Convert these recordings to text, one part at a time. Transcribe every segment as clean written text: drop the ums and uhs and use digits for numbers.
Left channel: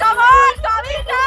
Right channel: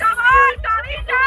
come on, Kavita!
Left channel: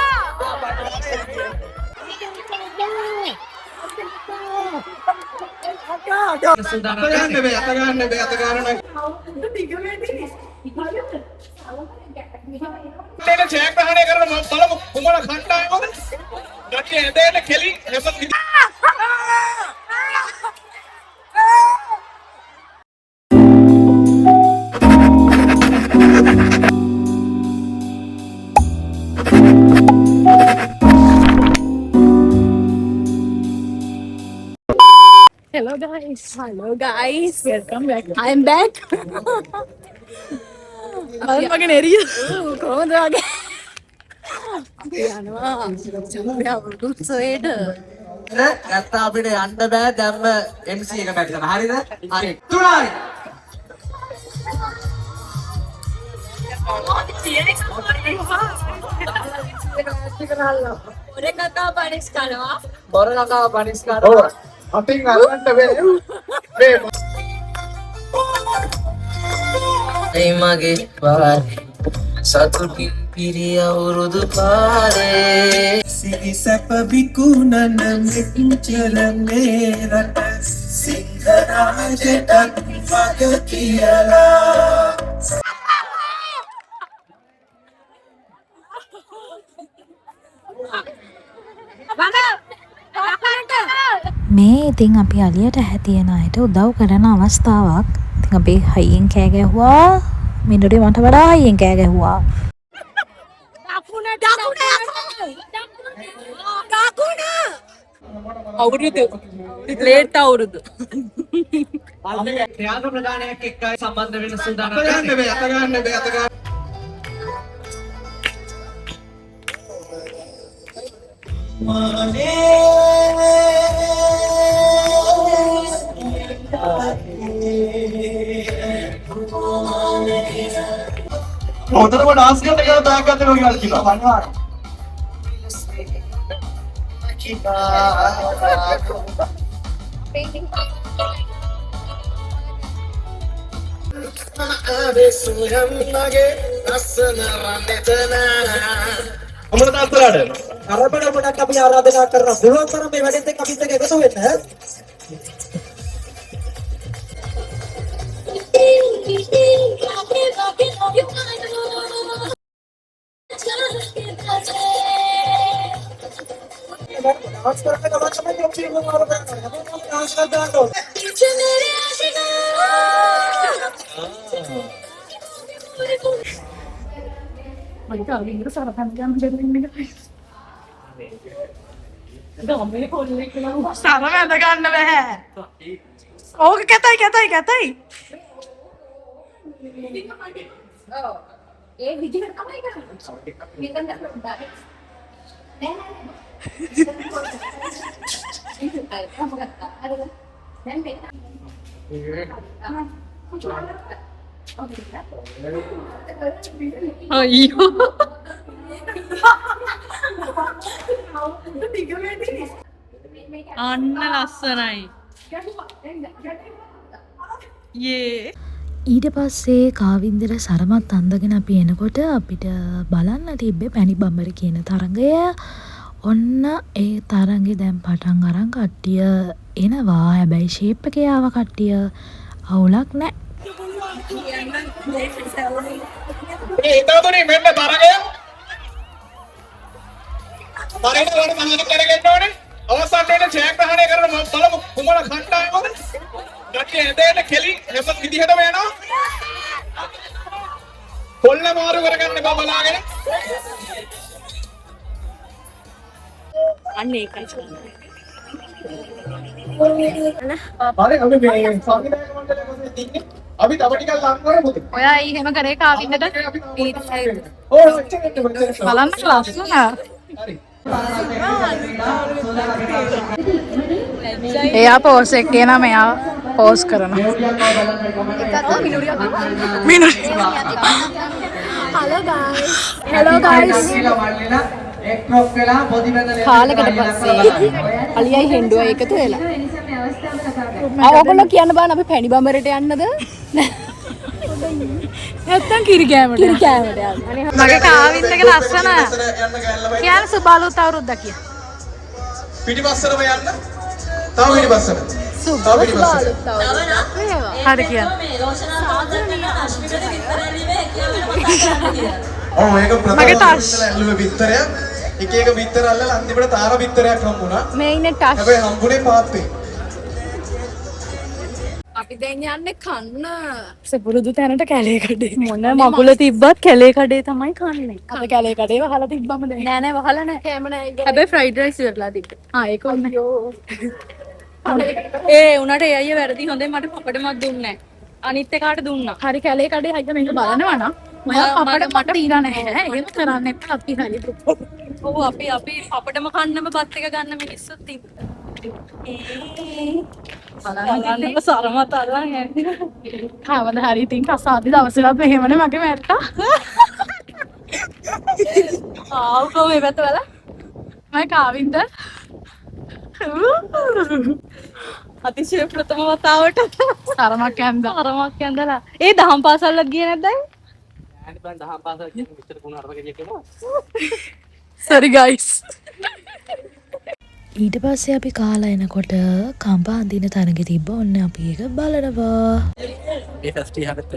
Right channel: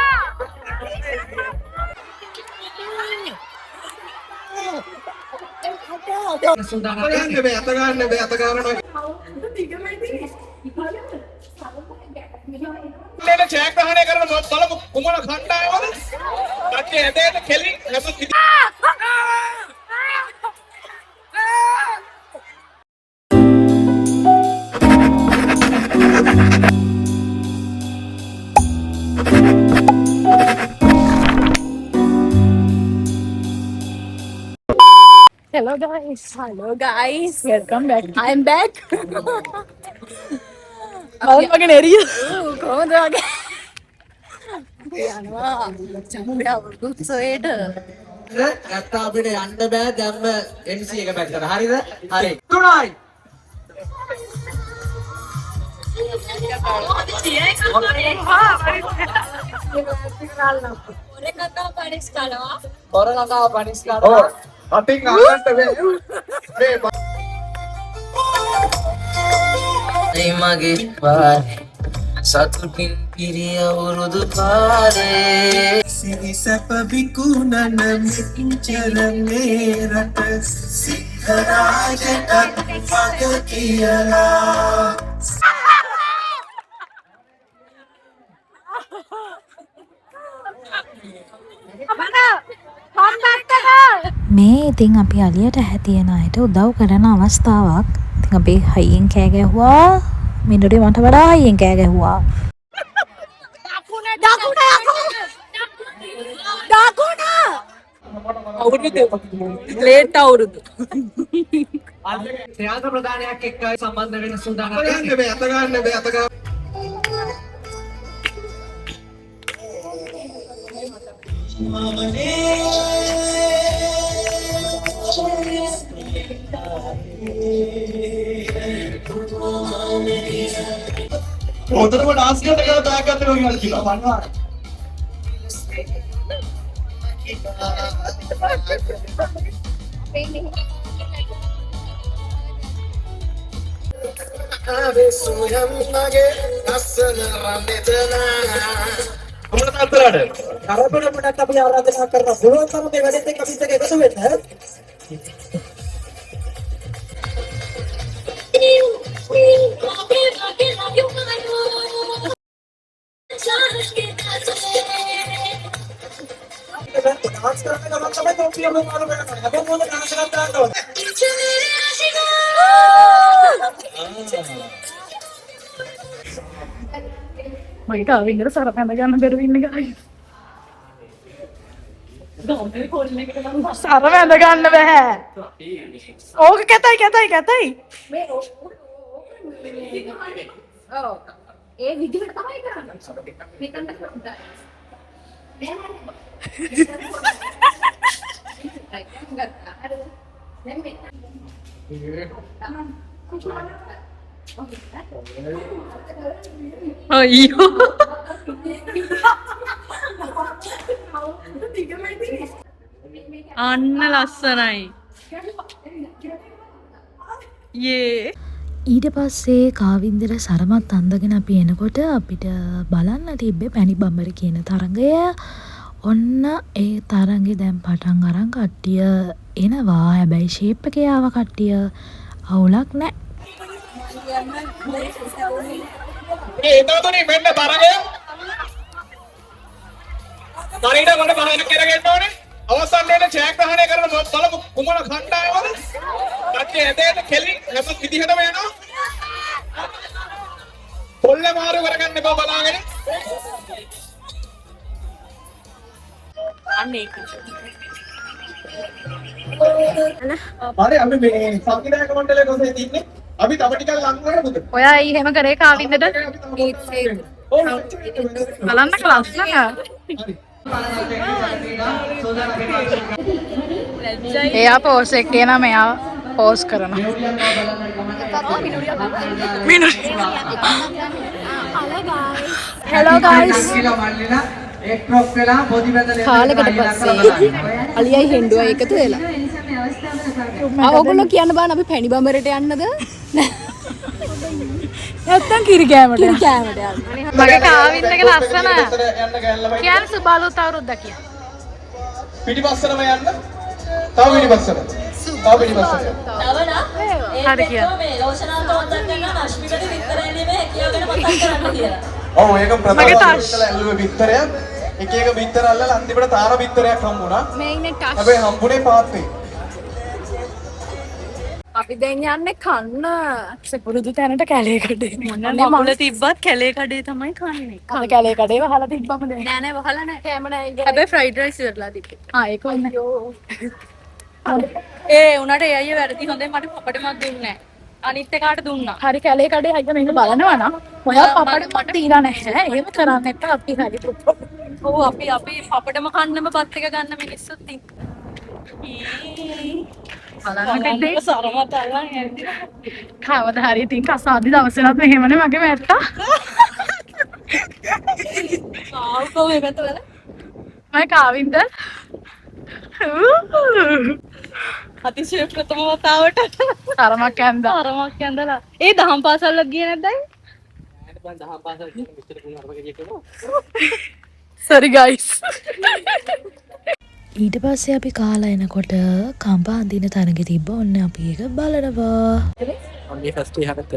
Hello guys. Welcome back. I am back. Malam makin area. Komo dah. Yanawa. Champion උත්සවයට. ගත්තා අපිට යන්න බෑ දැම්ම MC එක පැත්තට. හරිද? හරි. 3යි. Orang panis kalau. Ating ngangkat be. Be. Mage par satukin piriya urudu pare. Siri sapa bikunan mechara merata singharaja tak pagakiyala. මේ ඉතින් අපි අලියට හැතියෙන අයට උදව් කරන අවස්ථාවක්. ඉතින් අපි හයියෙන් කෑ ගැහුවා. මිනුරේ මට වඩා හයියෙන් කෑ ගැහුවා. අවුරුදු ග්‍රේට් අවුරුදු. ත්‍යාග ප්‍රදානයක් එක්කයි සම්බන්ධ වෙන සූදානම්. අත ගන්න බෑ. හොඳටම ඩාන්ස් කරන්න කියලා බෑග් ගන්න ඕන කියලා කිව්වා. අනිවාර්යයෙන්. කොමුණ තාත්තලාට කරබන මොඩක් අපි ආරාධනා කරනවා. පුළුවන් තරම් මේ වැඩේත් එක්ක අපිත් එක්ක එකතු වෙන්න. डांस करने का मतलब है कि हम लोग और अब हम लोग डांस करते हैं මගේ කාවින්දට සර පැඳ ගන්න බැරුව ඉන්නේ guys. සර වැඳ ගන්න බෑ. ඕක කැතයි. ඔව්. ඒ විදිහට තමයි කරන්නේ. මෙතන නෑ. අයියෝ අන්න ලස්සනයි යේ. ඊට පස්සේ කාවින්දර සරමත් අන්දගෙන අපි එනකොට අපිට බලන්න තිබ්බේ පැණි බම්බර කියන තරඟය. ඔන්න ඒ තරඟේ දැන් පටන් අරන් කට්ටිය එනවා. හැබැයි ෂේප් එකේ ආව කට්ටිය අවුලක් නැහැ. ඒ එතනතෝනේ මෙන්න තරගය. තරගයට වඩ පහන කරගෙන ඕනේ. අවසානයේ ජයග්‍රහණය කරන බලමු කුමන කණ්ඩායමද? කට්ටිය ඇදෙන්න කෙලි හැම විදිහටම යනවා. කොල්ල මාරු කරගන්න බා බලාගෙන. අන්න ඒකයි. හරි අපි මේ සංවිධායක මණ්ඩලය කොහෙද ඉන්නේ? අපි තව ටිකක් ලං කරමුද? ඔයා ඊ හැම කරේ කාවින්දට බලන්න ක්ලාස් නෑ. එයා පෝස් එකේ නම් එයා පෝස් කරනවා. Hello guys. කාලකට පස්සේ අලියයි හෙන්ඩුවයි එකතු වෙලා. ඔයගොල්ලෝ කියන්න බෑ අපි පැණි බඹරට යන්නද? නැත්තම් කිරි කෑමට. මගේ කාවින්දගේ ලස්සන. කියන්න සුබාලුත් අවුරුද්දක් කිය. පිටිපස්සටම යන්න. තව පිටිපස්සට. තව පිටිපස්සට. හරි කියන්න. ඔව් ඒක මගේ ටච්. ඇල්ලුවේ බිත්තරයක්. එක එක බිත්තර අල්ලලා අන්තිමට තාම බිත්තරයක් හම්බුණා. මේ ඉන්නේ ටච්. හැබැයි හම්බුනේ පාත්තේ. අපි දැන් යන්නේ කන්න. සපුරුදු තැනට කැලේ කඩේ. මොන මගුල තිබ්බත් කැලේ කඩේ තමයි කන්නේ. අද කැලේ කඩේ වහලා තිබ්බම දැන්. නෑ නෑ වහලා නෑ. කෑම නෑ. හැබැයි ෆ්‍රයිඩ් රයිස් ඉවරලා තිබ්බේ. ඒක ඕනේ. ඒ උනාට ඒ අයියා වැරදි හොඳේ මට පපඩමක් දුන්නේ නෑ. අනිත් එකාට දුන්නා. හරි කැලේ කඩේ අයියා මේක බලනවා නම් ඔයා පපඩ මට දීලා නැහැ. එහෙම කරන්න එපා අපි හරි දුප්පත්. ඔව් අපි පපඩම කන්නම බත් එක ගන්න මිනිස්සුත් ඉන්නවා. බලන්න සරමත අරන් හැදින. කවද හරි ඉතින් කසාදි දවසේවත් මෙහෙමනේ මගේ මැට්ටා. ආවෝ මේ පැත්ත වල. මම කාවින්ද. අතිශය ප්‍රථම වතාවට තරමක් ඇන්දා. අරමක් ඇඳලා. ඒ දහම් පාසල්ලක් ගියේ නැද්ද? sorry guys. ඊට පස්සේ අපි කාලා එනකොට කම්ප අඳින තැනක තිබ්බ ඔන්න අපි ඒක බලනවා. ඔන්නේ ෆස්ට් ඉහකට.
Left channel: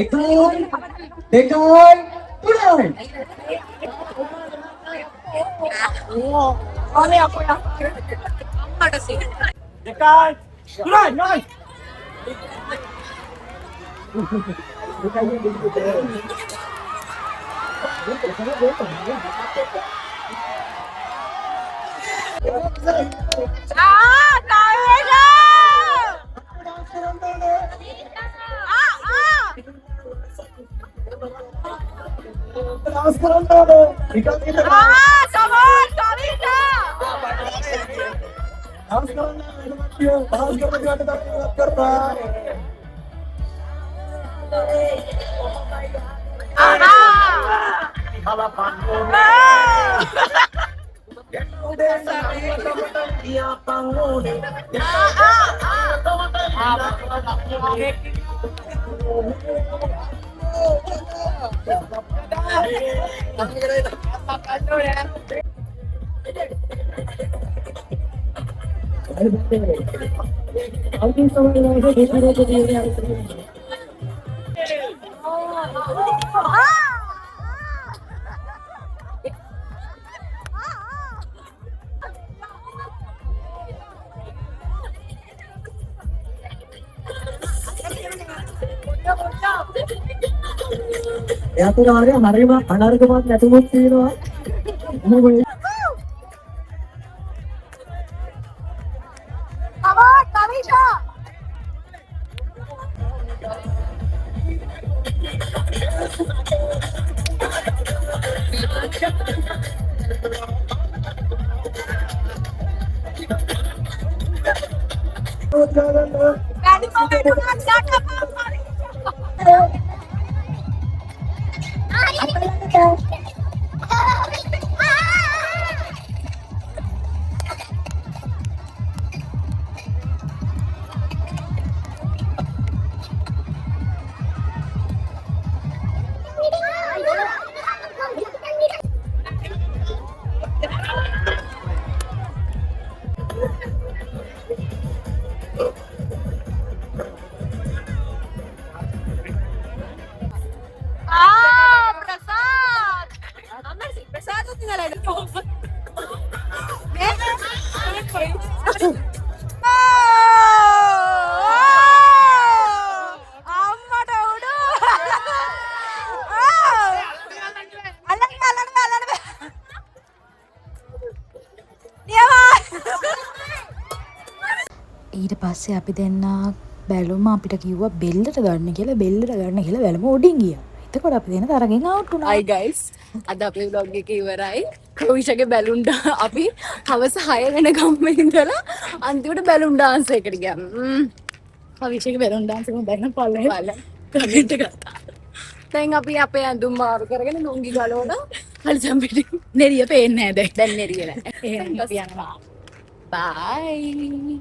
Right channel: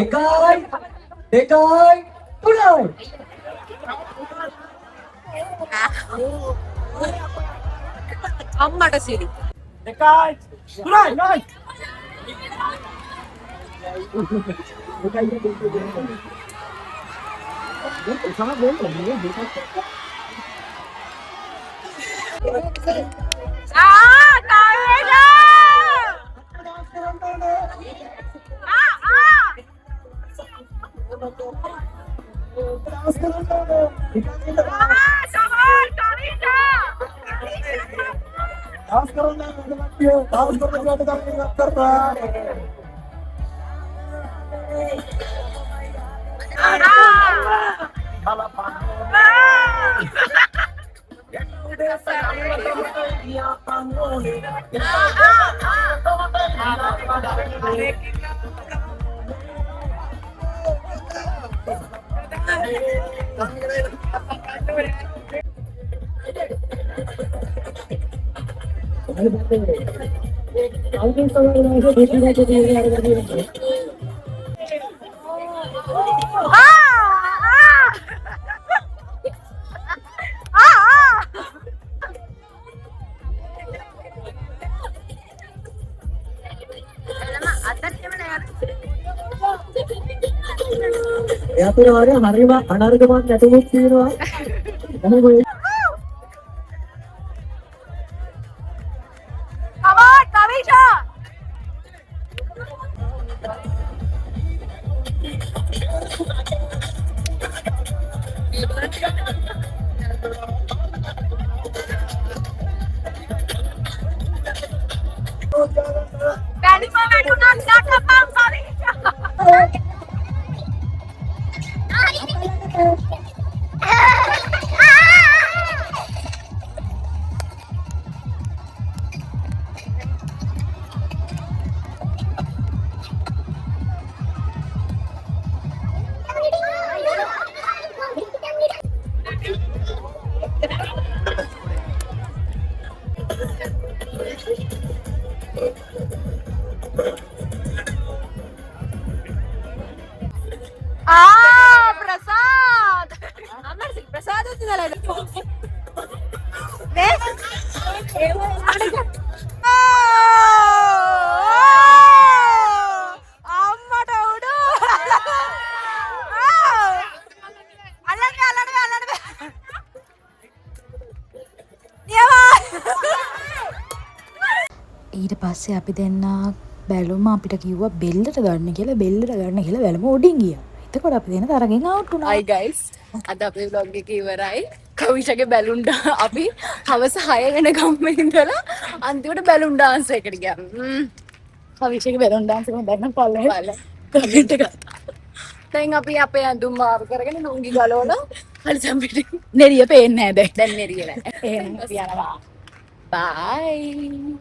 එකයි දෙකයි තුනයි. අම්මට සිරි. එකයි තුනයි නයි. එයාට හරියම අනර්ගමක් නැතුමුත් තියෙනවා. මොහොම come on Kavisha. Kali mana tu nak cakap apa Kavisha? Prasad. අම්මට සිරි ප්‍රසාද උදලා ඉන්න. අම්මට උඩු. අල්ලන්න. ඊට පස්සේ අපි දෙන්න බැලුම අපිට කිව්වා බෙල්ලට ගන්න කියලා බැලුම උඩින් ගියා. එතකොට අපි දෙන්න තරගෙන් අවුට් වුණා. Hi guys. අද අපේ vlog එක ඉවරයි. කවිෂගේ බැලුන් අපි හවස 6 වෙනකම් ඉඳලා අන්තිමට බැලුන් ඩාන්ස් එකට ගියා. කවිෂගේ බැලුන් ඩාන්ස් එක දැන් පල්ලේ බලන්න. කමෙන්ට් එක දැන් අපි අපේ ඇඳුම් මාරු කරගෙන ලුංගි ගලවලා හරිසම් පිටින් නෙරිය පේන්නේ නැහැ දැන් දැන් නෙරියලා. එහෙනම් අපි යනවා Bye.